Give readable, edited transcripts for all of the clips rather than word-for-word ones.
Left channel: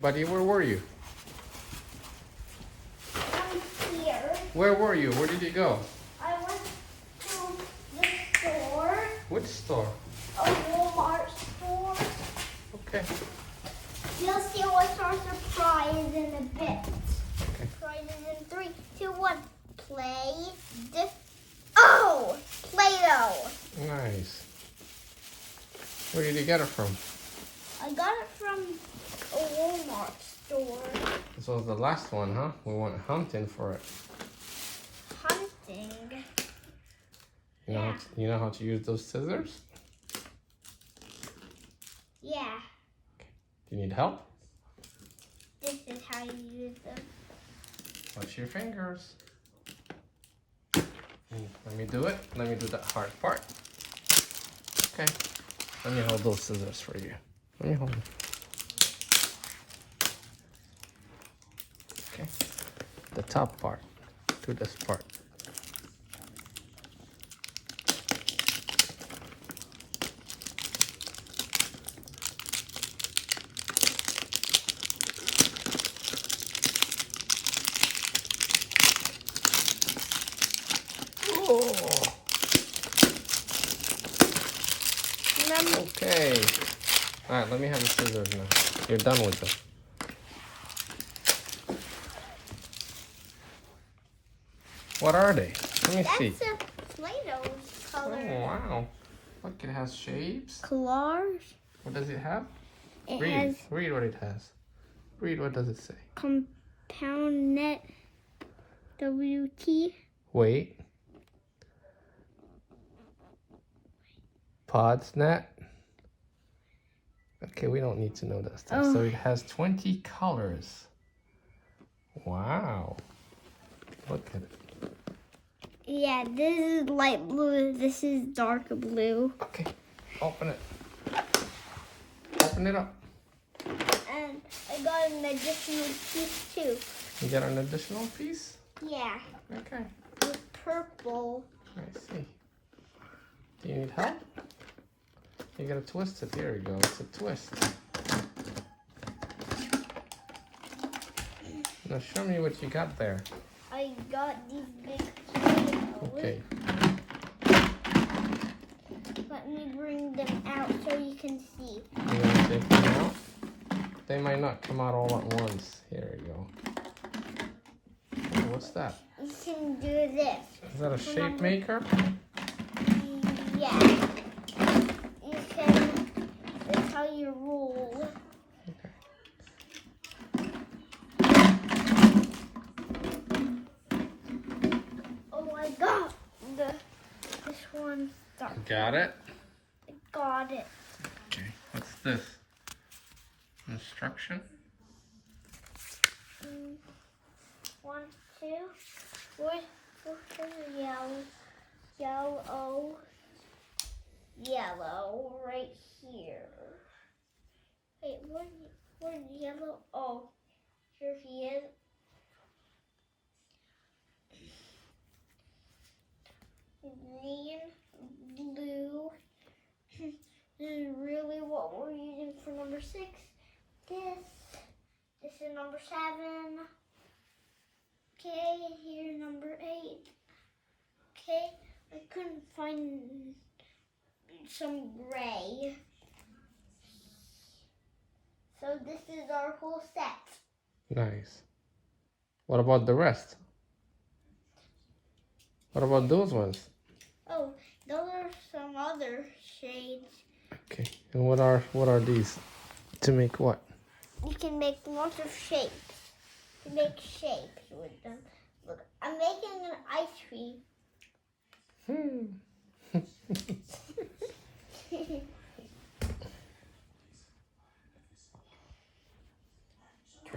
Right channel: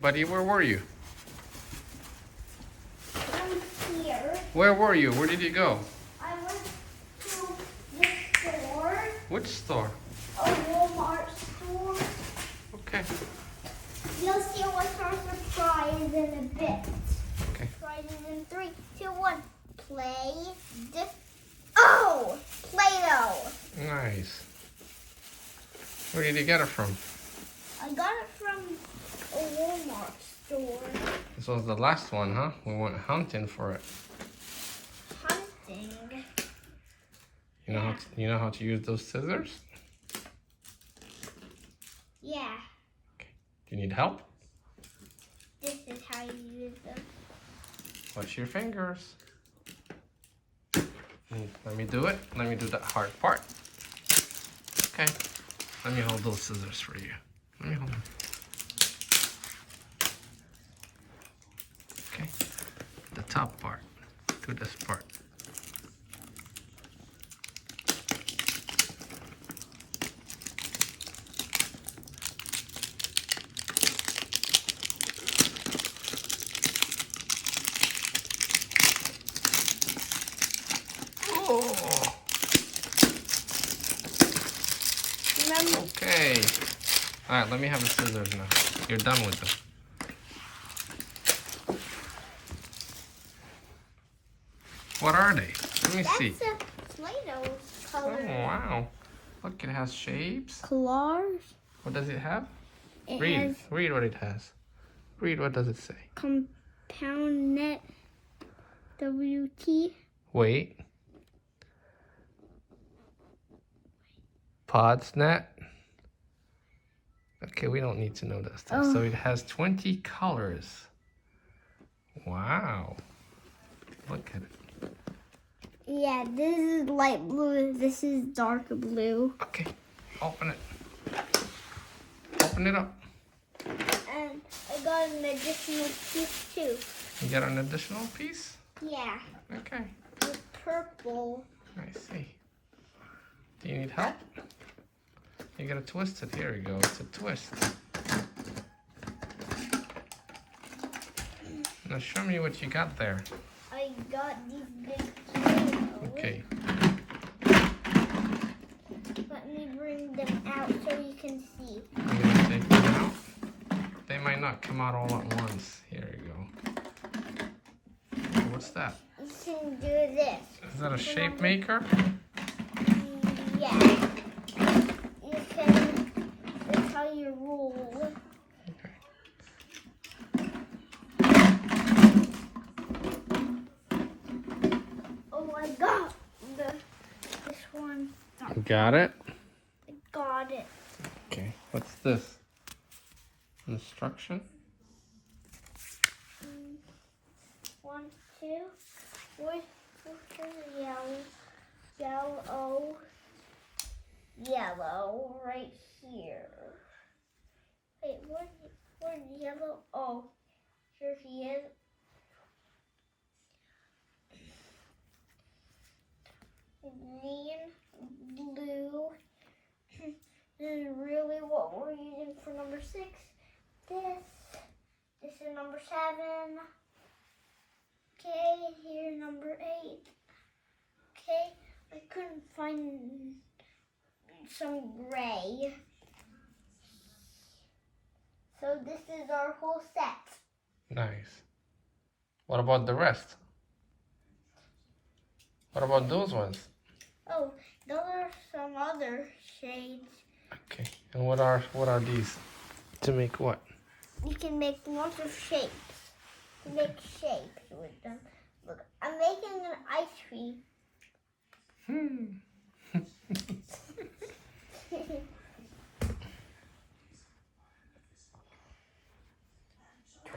Buddy, where were you? I'm here. Where were you? Where did you go? I went to the store. Which store? A Walmart store. Okay. You'll see what's our surprise in a bit. Okay. Surprises in 3, 2, 1. Play-Doh. Nice. Where did you get it from? I got it from a Walmart store. This was the last one, huh? We went hunting for it. Hunting. You know how to use those scissors? Yeah. Do you need help? This is how you use them. Watch your fingers. Let me do it. Let me do that hard part. Okay. Let me hold those scissors for you. Let me hold them. Okay. The top part. Do this part. Oh. Okay. All right, let me have the scissors now. You're done with them. What are they? Let me see. That's a Play-Doh's color. Oh, wow. Look, it has shapes. Colors. What does it have? It Read. has Read what it has. Read, what does it say? compound net WT. Wait. Pods net. Okay, we don't need to know that stuff. Oh. So it has 20 colors. Wow. Look at it. Yeah, this is light blue. This is dark blue. Okay, open it. Open it up. And I got an additional piece too. You got an additional piece? Yeah, Okay, with purple. I see. Do you need help? You gotta twist it. Here you go. It's a twist. Now show me what you got there. I got these big tomatoes. Okay. Let me bring them out so you can see. You gonna take them out? They might not come out all at once. Here you go. Oh, what's that? You can do this. Is that a shape maker? Yeah. You can, that's how you roll. Okay. Oh, I got this one. You got it? I got it. Okay. What's this? Instruction? 1, 2. Where's the yellow? Yellow right here. Wait, where's yellow? Oh, here he is. Green, blue. This is really what we're using for number 6. This is number 7. Okay, here number 8. Okay, I couldn't find some gray. So this is our whole set. Nice. What about the rest? What about those ones? Oh, those are some other shades. Okay. And what are these? To make what? You can make lots of shapes. You make shapes with them. Look, I'm making an ice cream.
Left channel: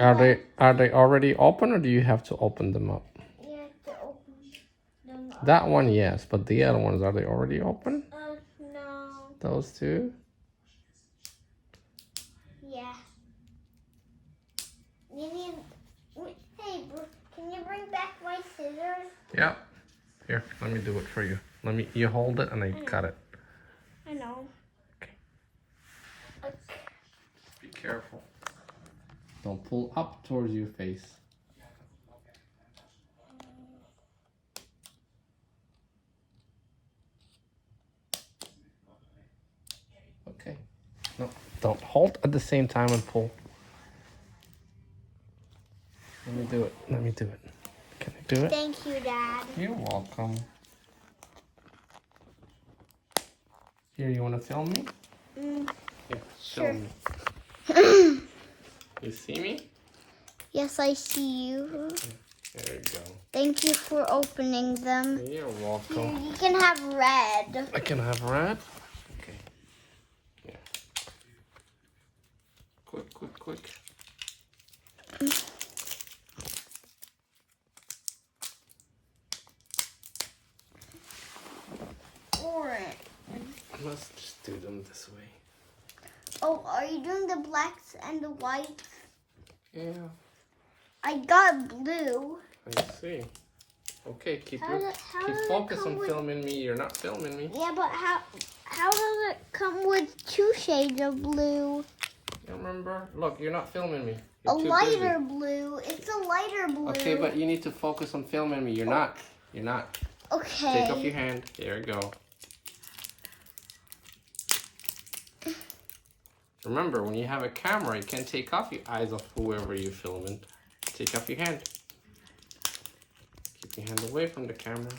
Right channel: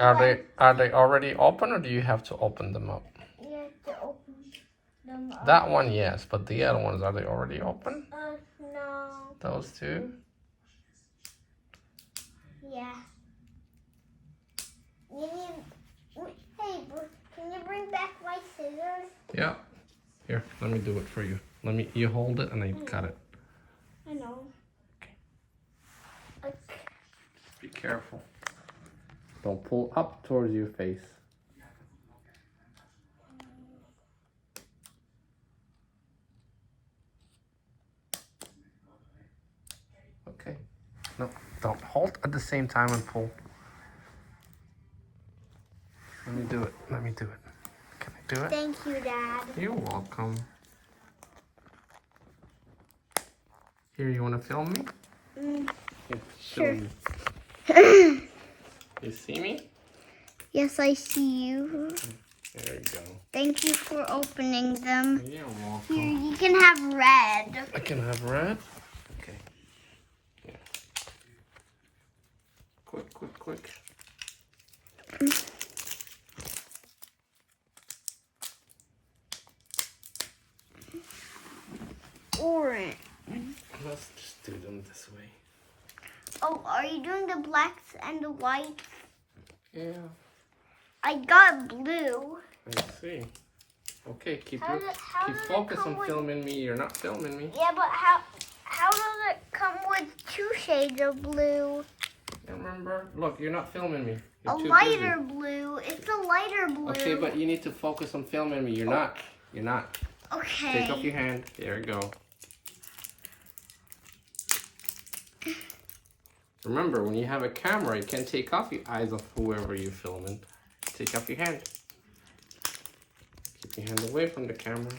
Are they already open, or do you have to open them up? You have to open them up. That one, yes, but the other ones, are they already open? No. Those two? Yeah. Hey, can you bring back my scissors? Yeah. Here, let me do it for you. You hold it and I cut it. I know. Okay. Be careful. Don't pull up towards your face. Okay. No, don't hold at the same time and pull. Let me do it. Let me do it. Can I do it? Thank you, Dad. You're welcome. Here, you want to film me? Yeah, Sure. film me. You see me? Yes, I see you. There you go. Thank you for opening them. You're Here, welcome. you can have red. I can have red. Okay. Yeah. Quick, quick, quick. Orange. Let's just do them this way. Oh, are you doing the blacks and the whites? Yeah, I got blue. I see. Okay, keep How does it focus come on with- filming me. You're not filming me. Yeah, but how does it come with 2 shades of blue? Remember? Look, you're not filming me. You're A too lighter busy. blue. It's a lighter blue. Okay, but you need to focus on filming me. You're not. You're not. Okay. Take off your hand. There you go. Remember, when you have a camera, you can't take off your eyes off whoever you're filming. Take off your hand. Keep your hand away from the camera.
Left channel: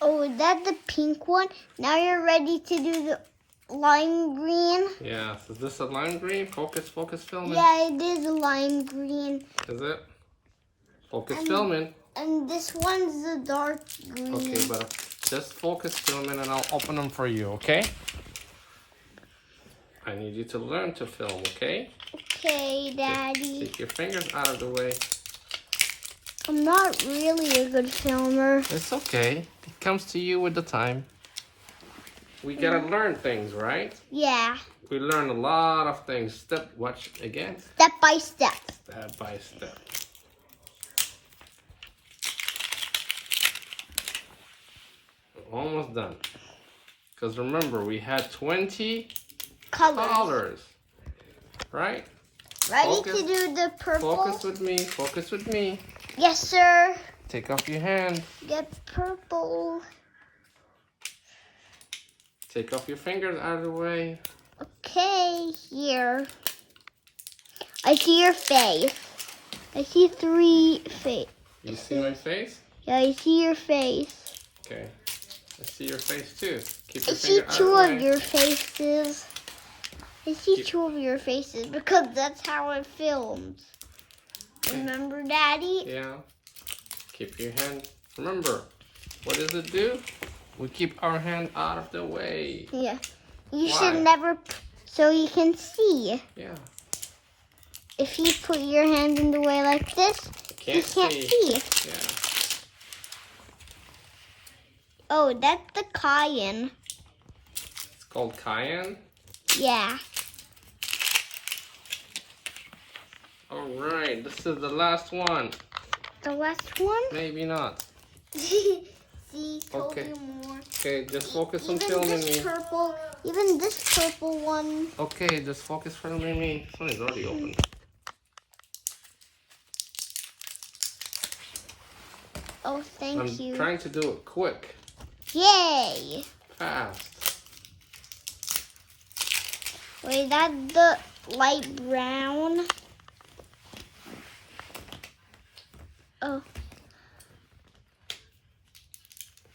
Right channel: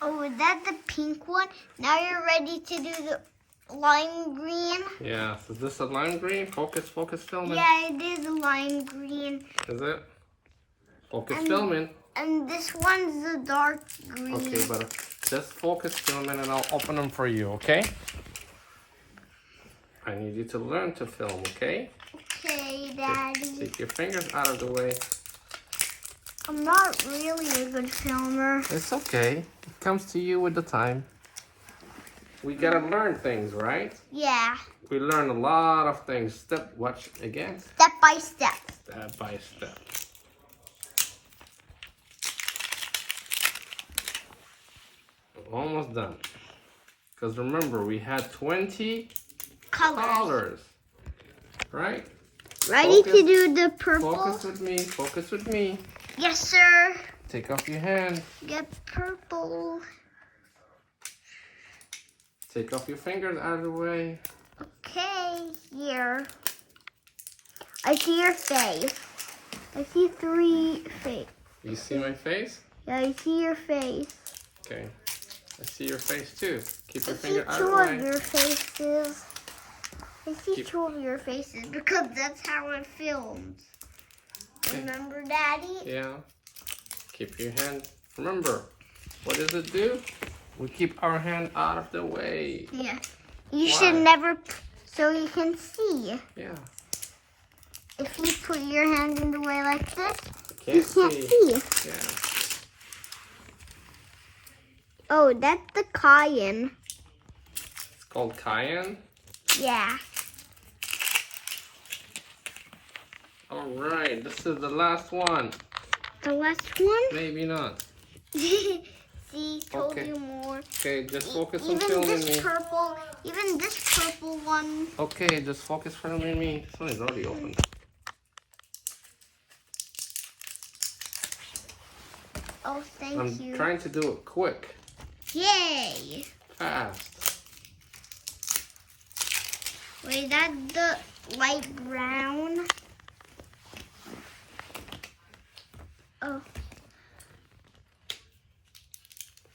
Oh, is that the pink one? Now you're ready to do the lime green? Yeah, so this is a lime green. Focus, focus, filming. Yeah, it is a lime green. Is it? Focus, filming. And this one's the dark green. Okay, but just focus filming and I'll open them for you, okay? I need you to learn to film, okay? Okay, Daddy. Take your fingers out of the way. I'm not really a good filmer. It's okay. It comes to you with the time. We gotta learn things, right? Yeah, We learn a lot of things. Watch again. step by step. Step by step. Almost done. Because remember, we had 20 colors. Right? Ready Focus. to do the purple? Focus with me. Focus with me. Yes, sir. Take off your hand. Get purple. Take off your fingers out of the way. Okay, here. I see your face. I see 3 face. You see my face? Yeah, I see your face. Okay. I see your face too. Keep I your see finger out of 2 the of way. your faces. I see Keep- 2 of your faces because that's how it films. Okay. Remember, Daddy? Yeah. Keep your hand. Remember, what does it do? We keep our hand out of the way. Yeah. You Why? should never, so you can see. Yeah. If you put your hand in the way like this, Can't you can't see. see. Yeah. Oh, that's the cayenne. It's called cayenne. Yeah. All right. This is the last one. The last one? Maybe not. See, told Okay. you more. Okay, just focus on Even filming this me. purple, even this purple one. Okay, just focus filming me. This one is already open. Oh, thank I'm you. trying to do it quick, Yay. fast. Wait, that's the light brown. Oh,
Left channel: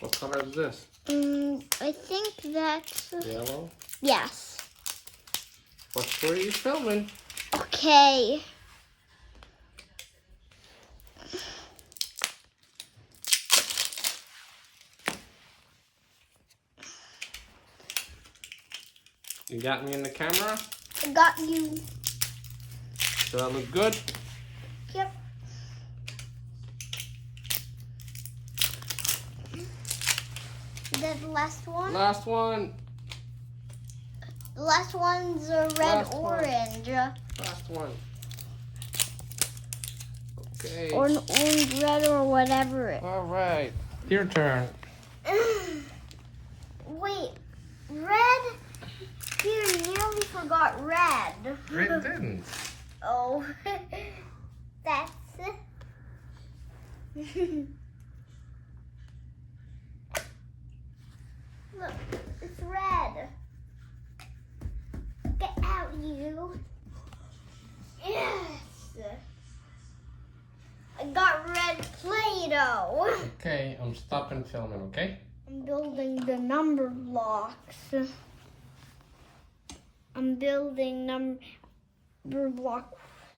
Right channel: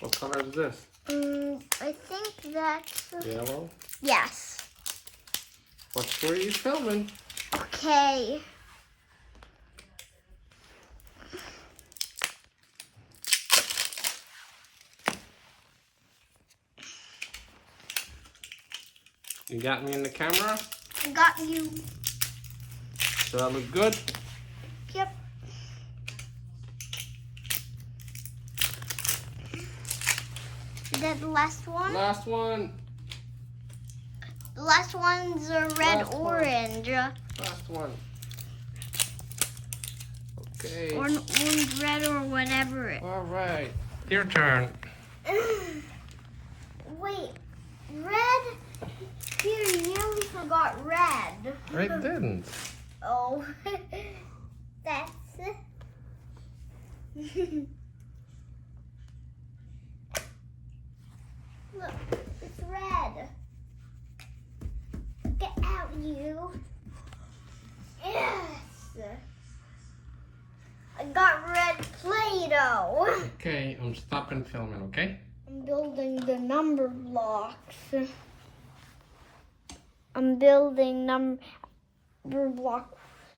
What color is this? I think that's, Yellow. yes. What's where you filming? Okay. You got me in the camera? I got you. Do I look good? Yep. Is that the last one? Last one. The last one's a red Last one. orange. Last one. Okay. Or an orange red or whatever it. All right. Your turn. Wait, red? Here, you nearly forgot red. I didn't. Oh, that's look, it's red. Get out, you. Yes. I got red Play-Doh. Okay, I'm stopping filming, okay? I'm building the number blocks. I'm building number block